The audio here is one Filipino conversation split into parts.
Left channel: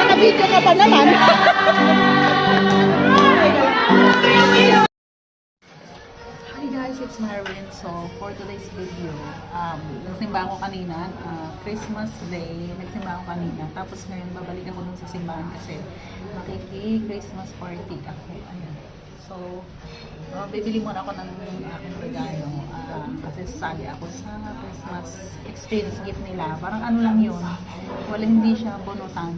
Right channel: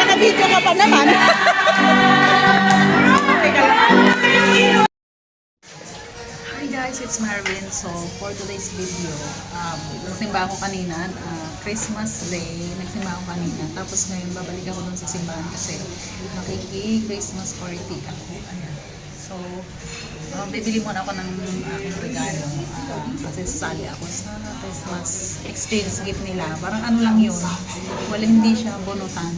Naka-video ka pa naman. Hi guys, it's Marvin. So for today's video, nagsimba ako kanina, Christmas Day, nagsimba ako kanina. Tapos ngayon babalik ako dun sa simbahan kasi makiki-Christmas party ako. Ayan. So, bibili muna ako ng aking regalo kasi sasali ako sa Christmas exchange gift nila. Parang ano lang yun, hindi siya bonutan.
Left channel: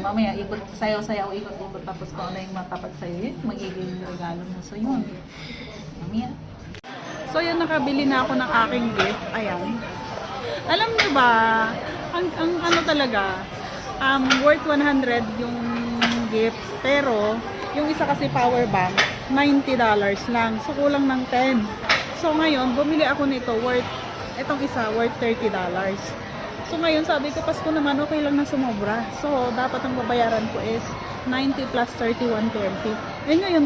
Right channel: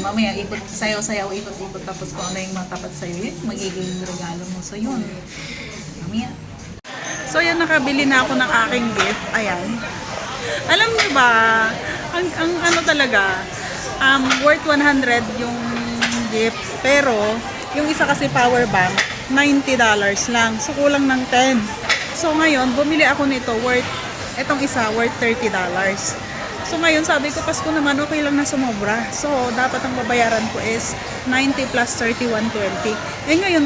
Mamaya ikot, sayaw-sayaw, ikot-ikot, tapos kung ano yung matapat sa'yo, yun magiging regalo mo. So yun, mamaya. So yun, nakabili na ako ng aking gift. Ayan. Alam niyo ba, ang ano talaga, worth 100 yung gift. Pero, yung isa kasi power bank, $90 lang. So, kulang ng 10. So, ngayon, bumili ako nito etong isa, worth $30. So, ngayon, sabi ko, Pasko naman, okay lang na sumobra. So, dapat ang babayaran ko is 90 plus 31.20. Eh, ngayon,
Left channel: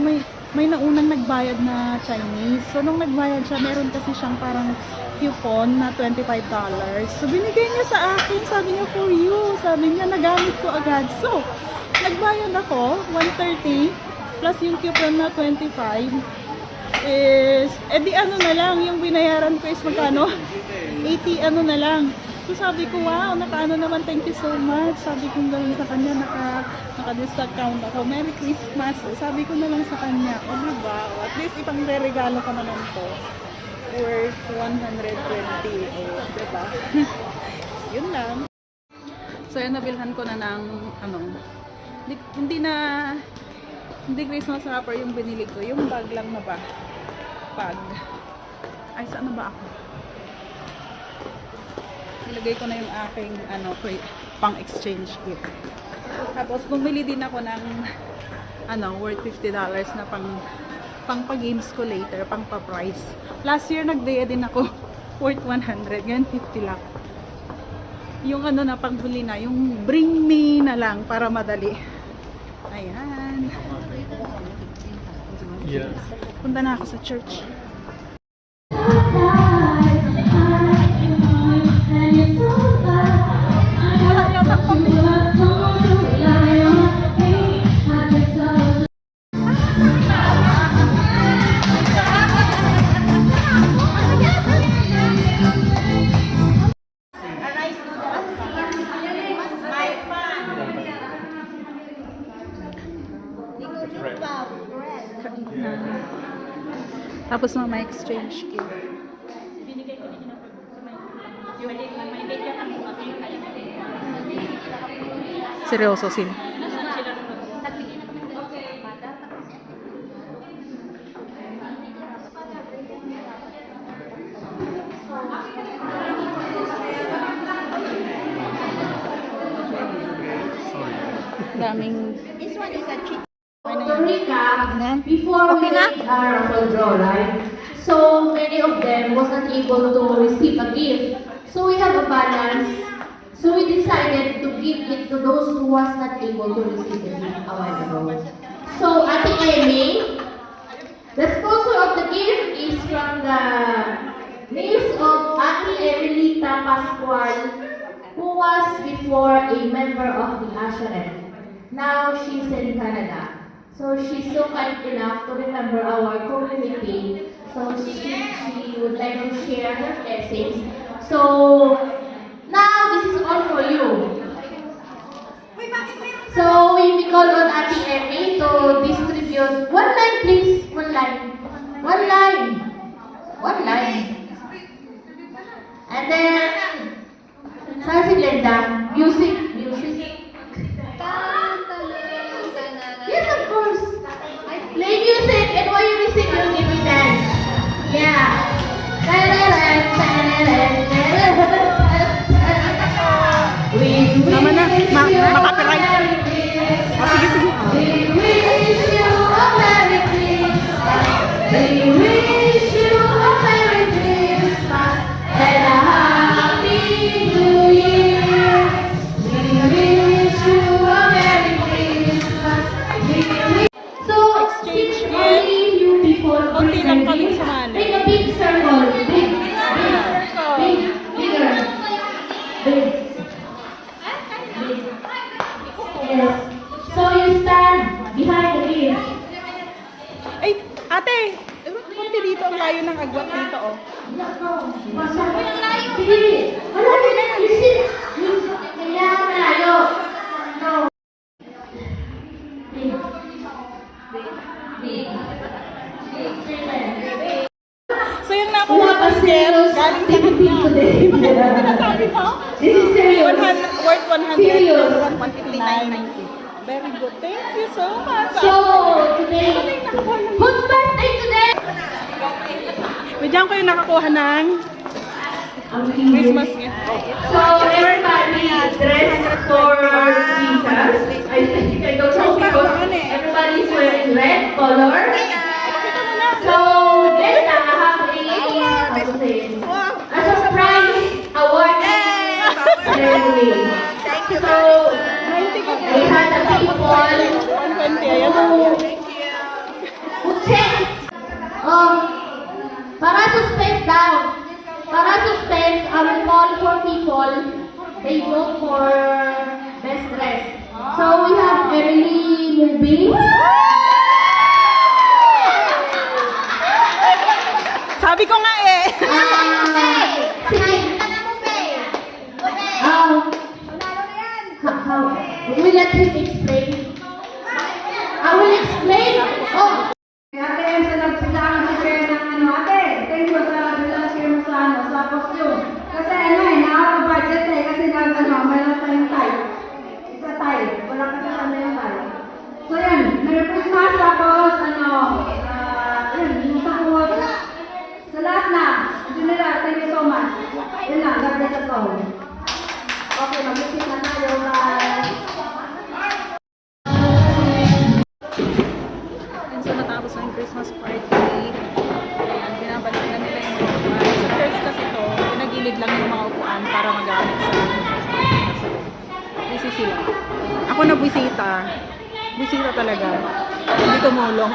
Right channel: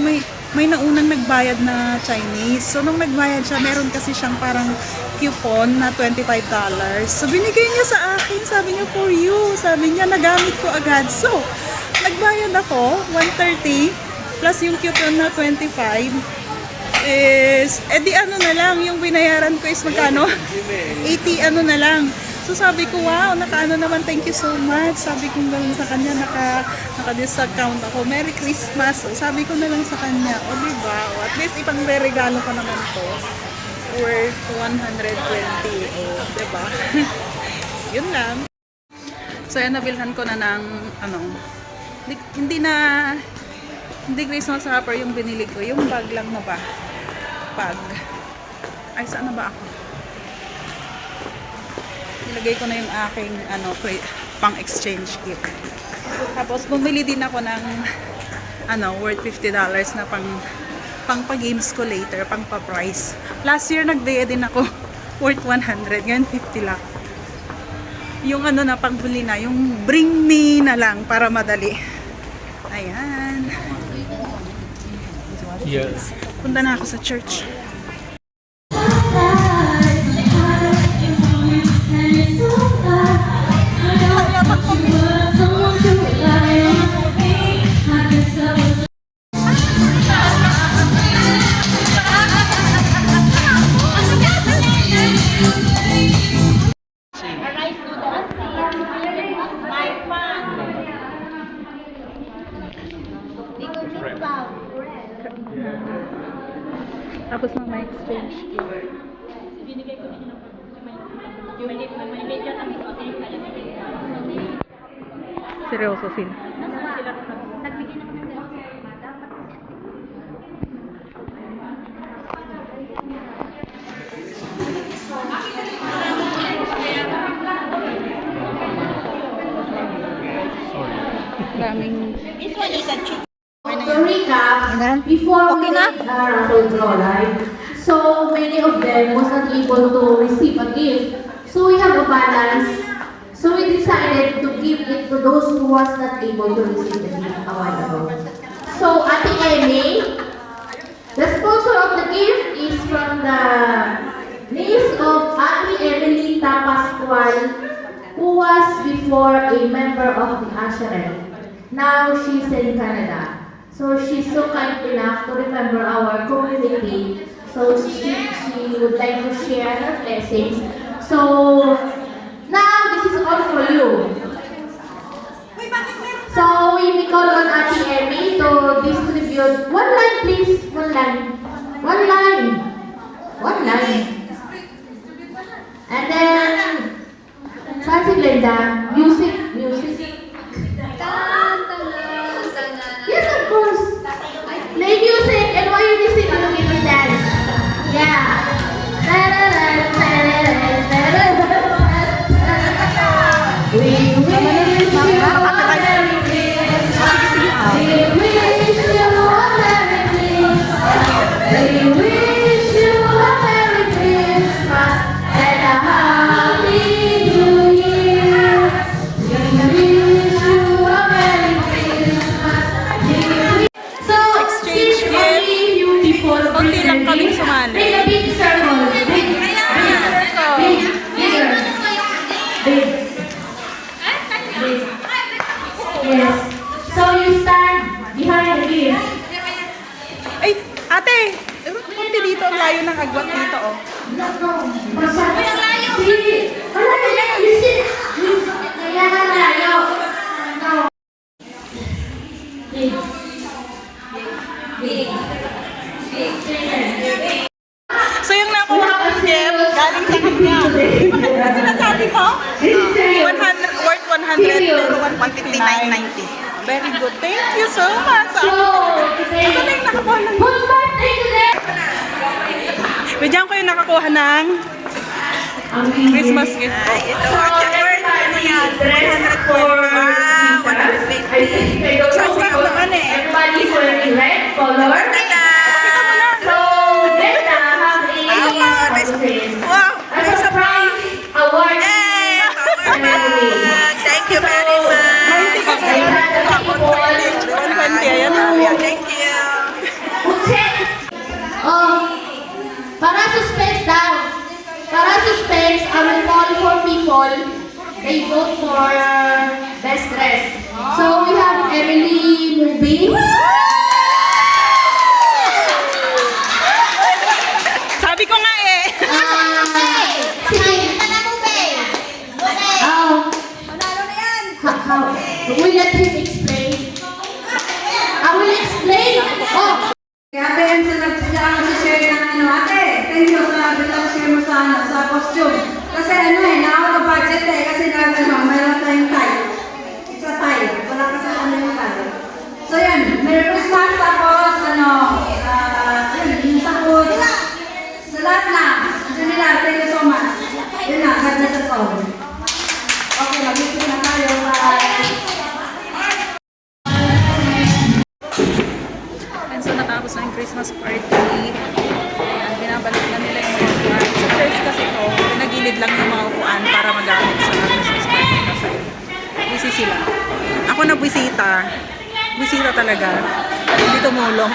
may naunang nagbayad na Chinese. So, nung nagbayad siya, meron kasi siyang parang coupon na $25. So, binigay niya sa akin. Sabi niya, for you. Sabi niya, nagamit ko agad. So, nagbayad ako, 130 plus yung coupon na 25 is, edi ano na lang, yung binayaran ko is magkano? 80 ano na lang. So sabi ko, wow, nakaano naman, thank you so much. Sabi ko gano'n sa kanya, naka-discount ako. Merry Christmas. So, sabi ko na lang sa kanya, o diba, at least ipang regalo ko naman to. Worth 120, o diba? Yun lang. So yan, nabilhan ko na ng, hindi Christmas wrapper yung binili ko. Yung bag lang na ba? Bag. Ay, saan na ba ako? Nilagay ko na yung aking pang exchange gift. Tapos bumili din ako ng worth $50 na pang pa-games ko later, pang pa-price. Last year nagbigay din ako worth 100, ngayon 50 lang. Yung na pangbili na, yung bring me na lang para madali. Ayan. Yes. Punta na ako sa church. Tapos na may exchange gift. Seryoso sila. Daming To recap, before we made our raffle draw, right? So many of them wasn't able to receive a gift. So we have a balance. So we decided to give it to those who was not able to receive the gift a while ago. So Ate Amy, the sponsor of the gift is from the niece of Ate Emelita Pascual, who was before a member of the Asherim. Now she's in Canada. So she's so kind enough to remember our community. So she would like to share her blessings. So now this is all for you. So we call on Ate Emmy to distribute one line, please. One line. One line. One line. And then Francis Glenda, music. Sinasabi mo? This is serious. 100, worth 100 pero 159.90. Very good. Thank you so much. So, today, Asa na yung nakakuha ng... whose birthday today? Bigyan ko yung nakakuha ng Christmas gift. So, everybody dressed for I don't know because everybody is wearing red color. So, Bella has a surprise award ceremony. Thank you very much. I had the people 120, ayan na. Thank you. who check. Oh, para suspense daw. Para suspense, I will call for people. They vote for best dress. So we have Emily Movie. Sabi ko nga eh. Sige. How? We let him explain. I will explain. Oh. Ate, yan sa share ng ano, ate, thank you sa bilang share mo sa ano, sa costume. Kasi ano eh, nakaka-budget eh, kasi mayroon tayong tie. Isa tie, wala kasi ano yung tie. So yan, Merry Christmas, tapos ano, yung sakot. Sa lahat na, Jamila, thank you so much. Yun na, God bless us all. Okay, mag-isip na tayo. Bye. And so natapos na yung Christmas party. Ayan, binabalik na nila yung mga upuan. Sa church kasi to, pinagilid lang yung mga upuan para magamit sa Christmas party kasi busy sila. Ako na bisita. Bisita talaga. Hindi tumulong.